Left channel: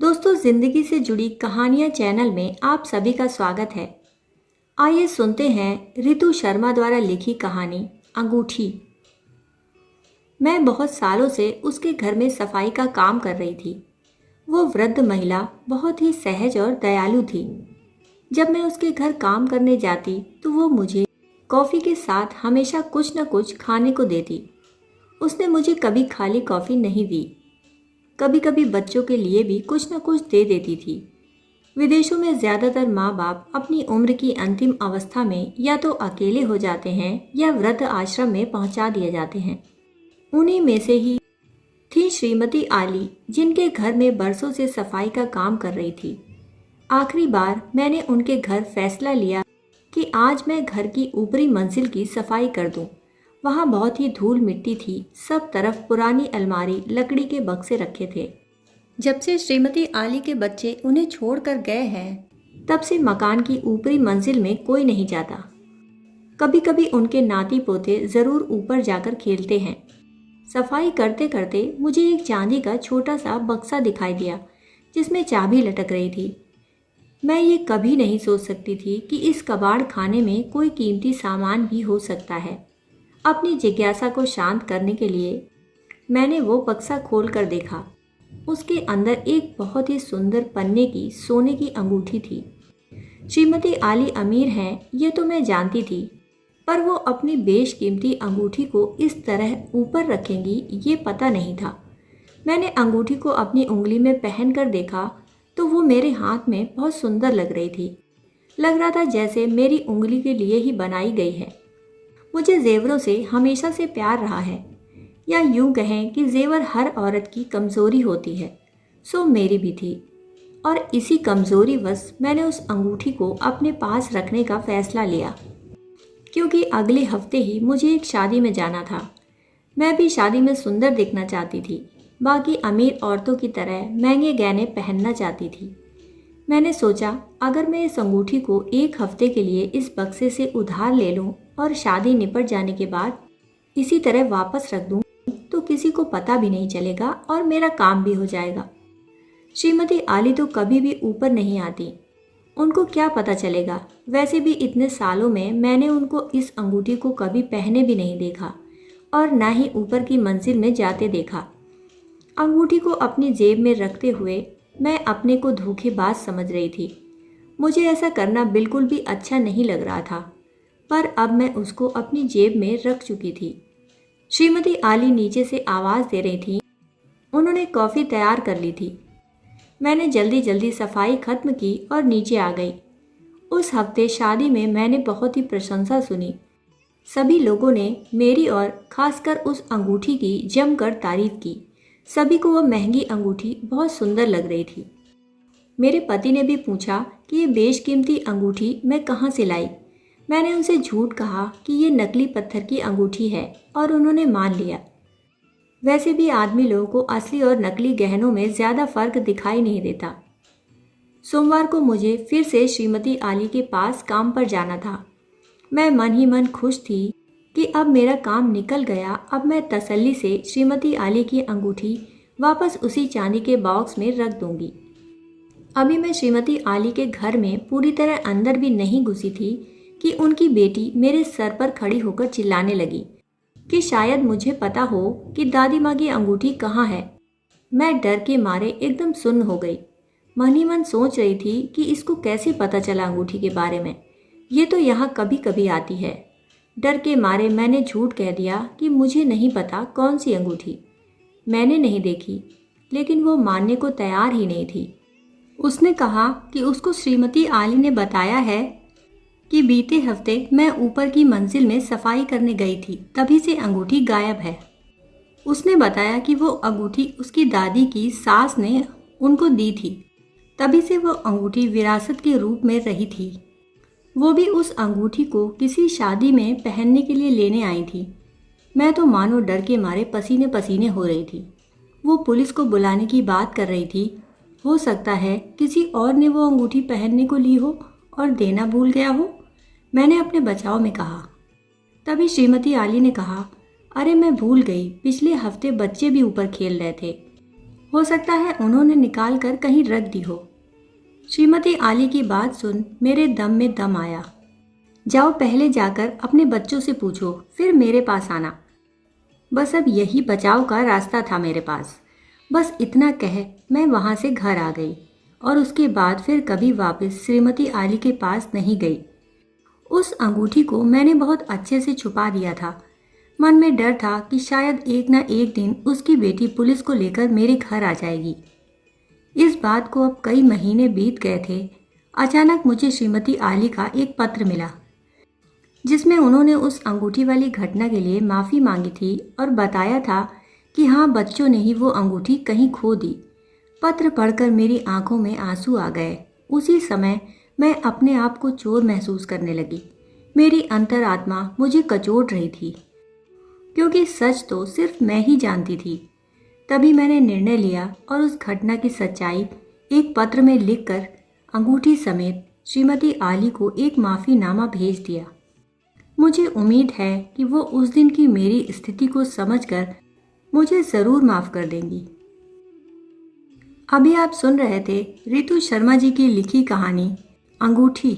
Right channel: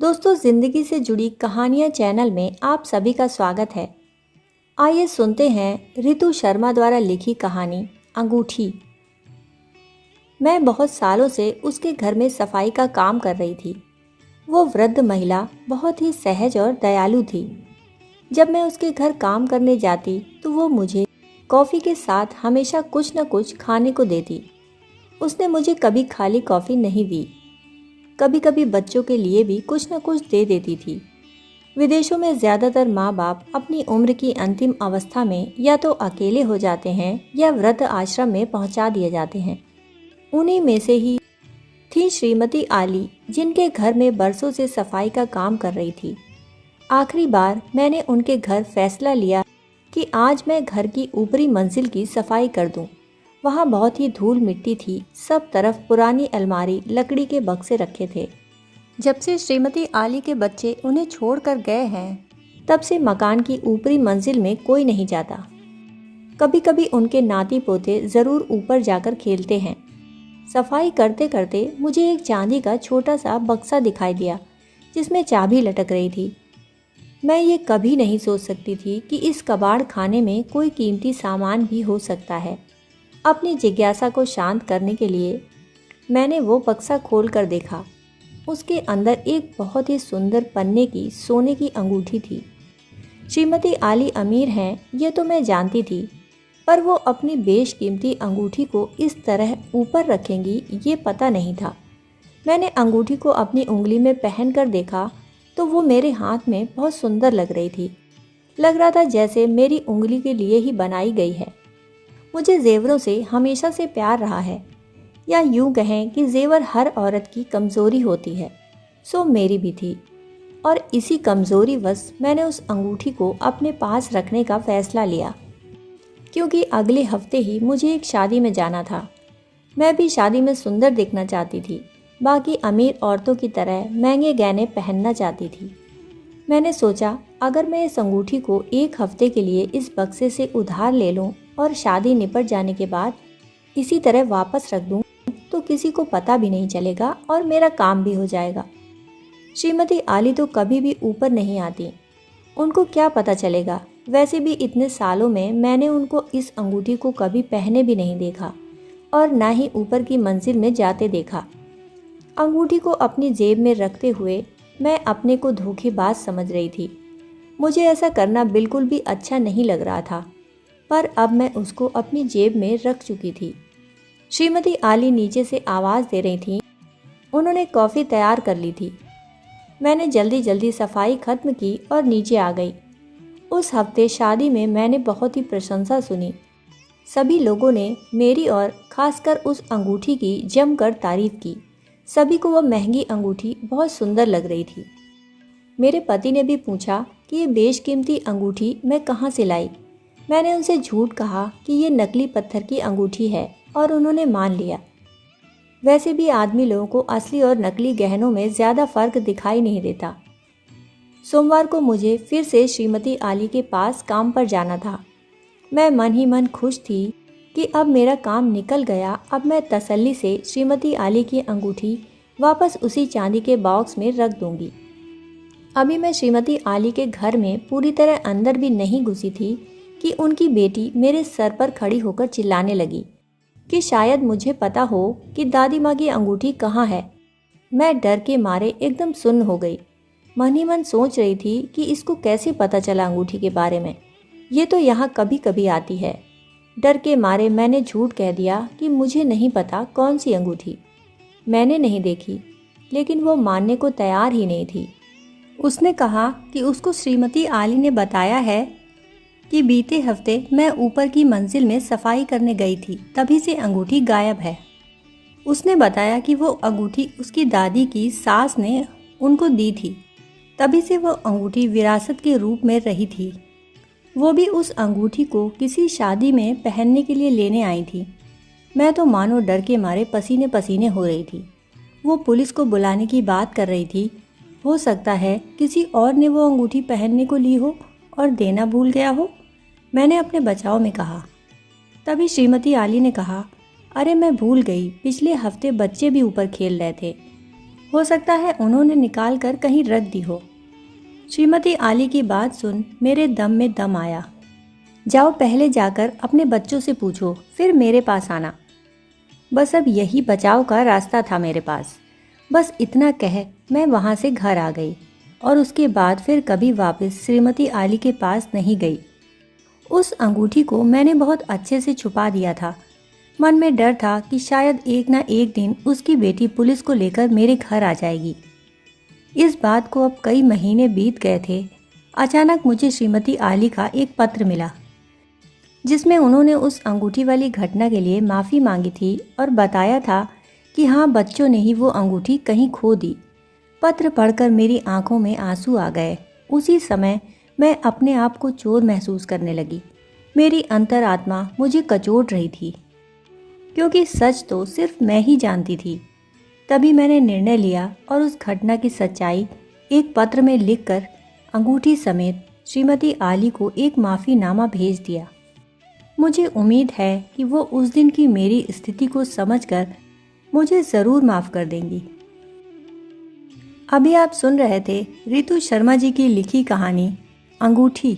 दोस्तों, जिंदगी से जुड़ी कहानियां चैनल में आप सभी का स्वागत है। आइए सुनते हैं रितु शर्मा द्वारा लिखी कहानी अंगूठी। मैं बहुत सालों से उसके घर में सफाई का काम कर रही थी। वो वृद्ध महिला बहुत ही सहज और दयालु थी। जब मैं उसके घर काम करने जाती तो वो मुझे कॉफ़ी के साथ हमेशा कुछ न कुछ खाने को देती। उसने मुझे कभी खाली कॉफ़ी नहीं दी। कभी कभी बच्चों के लिए भी कुछ न कुछ दे देती थी। विदेशों में ज़्यादातर माँ बाप अपनी उम्र की अंतिम अवस्था में या तो अकेले हो जाते हैं या वृद्ध आश्रम में पहुँचा दिए जाते हैं। उन्हीं में से ही थी श्रीमती आली, जिनके घर में बरसों से सफाई का काम कर रही थी। आखिरी बार मैंने उनके घर फैसला लिया कि आज मैं घर की ऊपरी मंजिल की सफाई कर दूं। वहाँ बहुत ही धूल मिट्टी थी। सब तरफ पुरानी अलमारी, लकड़ी के बक्से रखे थे। जब से श्रीमती आली के बच्चे उन्हें छोड़कर गए हैं, तब से मकान की ऊपरी मंजिल में कोई नहीं जाता। कभी कभी उनके नाती पोते ज़रूर ऊपर जाकर खेलते हैं। सफाई करते करते मुझे एक चांदी का छोटा सा बक्सा दिखाई दिया, जिसमें चाबी लटक रही थी। मैं ये कभी नहीं सोच सकती थी कि इस कबाड़ खाने में कोई कीमती सामान भी हो सकता है। अपनी जिज्ञासा को शांत करने के लिए मैंने वो बक्सा खोल कर देखा। उसके अंदर एक बहुत ही सुंदर पन्ने की सोने की अंगूठी थी। श्रीमती आली अमीर हैं, ये तो मैं जानती थी, पर वो अपनी बेशकीमती अंगूठी को इस तरह ऊपर रखेंगी ये पता नहीं था। मैंने अंगूठी को अपनी उंगली में पहन कर देखा तो वो मेरे हाथ में बहुत सुंदर लग रही थी। लग रहा था जैसे मेरी उंगली के लिए ही बनाई गई है। मुझे जेवरों से हमेशा से प्यार रहा है, या यूं कहें कि जेवर हर औरत की कमज़ोरी होती है, सो मेरी भी थी। और इसी कमज़ोरी वश मैंने उस अंगूठी को अपने पास रखने का फ़ैसला लिया, क्योंकि अगले हफ्ते ही मुझे एक शादी में जाना था। मैं भी शादी में सुंदर दिखना चाहती थी, बाकी अमीर औरतों की तरह महंगे गहने पहनना चाहती थी। मैंने सोचा, अगर मैं इस अंगूठी को एक हफ्ते के लिए इस बक्से से उधार ले लूं और शादी निपट जाने के बाद इसी तरह वापस रख दूं, तो किसी को पता भी नहीं चलेगा और मेरा काम भी हो जाएगा। श्रीमती आली तो कभी भी ऊपर नहीं आती, उनको क्या पता चलेगा। वैसे भी इतने सालों में मैंने उनको इस अंगूठी को कभी पहने भी नहीं देखा और ना ही ऊपर की मंजिल में जाते देखा। अंगूठी को अपनी जेब में रखते हुए मैं अपने को धोखेबाज समझ रही थी। मुझे ऐसा करना बिल्कुल भी अच्छा नहीं लग रहा था, पर अब मैं उसको अपनी जेब में रख चुकी थी। श्रीमती आली नीचे से आवाज़ दे रही थी। उन्होंने कॉफ़ी तैयार कर ली थी। मैंने जल्दी जल्दी सफाई खत्म की और नीचे आ गई। उस हफ्ते शादी में मैंने बहुत ही प्रशंसा सुनी। सभी लोगों ने मेरी और खासकर उस अंगूठी की जमकर तारीफ की। सभी को वह महंगी अंगूठी बहुत सुंदर लग रही थी। मेरे पति ने भी पूछा कि ये बेशकीमती अंगूठी मैं कहाँ से लाई। मैंने उनसे झूठ कहा कि ये नकली पत्थर की अंगूठी है और उन्होंने मान लिया। वैसे भी आदमी लोगों को असली और नकली गहनों में ज़्यादा फर्क दिखाई नहीं देता। सोमवार को मुझे फिर से श्रीमती आली के पास काम पर जाना था। मैं मन ही मन खुश थी कि अब मेरा काम निकल गया। अब मैं तसल्ली से श्रीमती आली की अंगूठी वापस उसी चांदी के बॉक्स में रख दूंगी। अभी मैं श्रीमती आली के घर में पूरी तरह अंदर भी नहीं घुसी थी कि उनकी बेटी मेरे सर पर खड़ी होकर चिल्लाने लगी कि शायद मुझे पता हो कि दादी माँ की अंगूठी कहाँ है। मैं डर के मारे एकदम सुन्न हो गई। मन ही मन सोच रही थी कि इसको कैसे पता चला अंगूठी के बारे में। ये तो यहाँ कभी कभी आती है। डर के मारे मैंने झूठ कह दिया कि मुझे नहीं पता कौन सी अंगूठी। मैंने नहीं देखी, लेकिन वो मानने को तैयार ही नहीं थी। उसने कहा कि उसको श्रीमती आली ने बताया है कि बीते हफ्ते मैं ऊपर की मंजिल में सफाई करने गई थी, तभी से अंगूठी गायब है। उसने बताया कि वो अंगूठी उसकी दादी की सास ने उनको दी थी, तभी से वो अंगूठी विरासत के रूप में रही थी। वो भी उस अंगूठी को किसी शादी में पहनने के लिए लेने आई थी। मैं तो मानो डर के मारे पसीने पसीने हो रही थी। वो पुलिस को बुलाने की बात कर रही थी। हो सकता है किसी और ने वो अंगूठी पहनने को ली हो और देना भूल गया हो, मैंने अपने बचाव में कहा। तभी श्रीमती आली ने कहा, अरे मैं भूल गई, पिछले हफ्ते बच्चे भी ऊपर खेल रहे थे। हो सकता है उन्होंने निकाल कर कहीं रख दी हो। श्रीमती आली की बात सुन मेरे दम में दम आया। जाओ पहले जाकर अपने बच्चों से पूछो, फिर मेरे पास आना। बस अब यही बचाव का रास्ता था मेरे पास। बस इतना कह मैं वहाँ से घर आ गई और उसके बाद फिर कभी वापस श्रीमती आली के पास नहीं गई। उस अंगूठी को मैंने बहुत अच्छे से छुपा दिया था। मन में डर था कि शायद एक ना एक दिन उसकी बेटी पुलिस को लेकर मेरे घर आ जाएगी। इस बात को अब कई महीने बीत गए थे। अचानक मुझे श्रीमती आली का एक पत्र मिला जिसमें उन्होंने उस अंगूठी वाली घटना के लिए माफ़ी मांगी थी और बताया था कि हाँ, बच्चों ने ही वो अंगूठी कहीं खो दी। पत्र पढ़कर मेरी आंखों में आंसू आ गए। उसी समय मैं अपने आप को चोर महसूस करने लगी। मेरी अंतरात्मा मुझे कचोट रही थी, क्योंकि सच तो सिर्फ मैं ही जानती थी। तभी मैंने निर्णय लिया और उस घटना की सच्चाई एक पत्र में लिखकर अंगूठी समेत श्रीमती आली को एक माफ़ीनामा भेज दिया। मुझे उम्मीद है कि वो उस दिन की मेरी स्थिति को समझकर मुझे ज़रूर माफ़ कर देंगी। अभी आप सुन रहे थे रितु शर्मा जी की लिखी कहानी अंगूठी।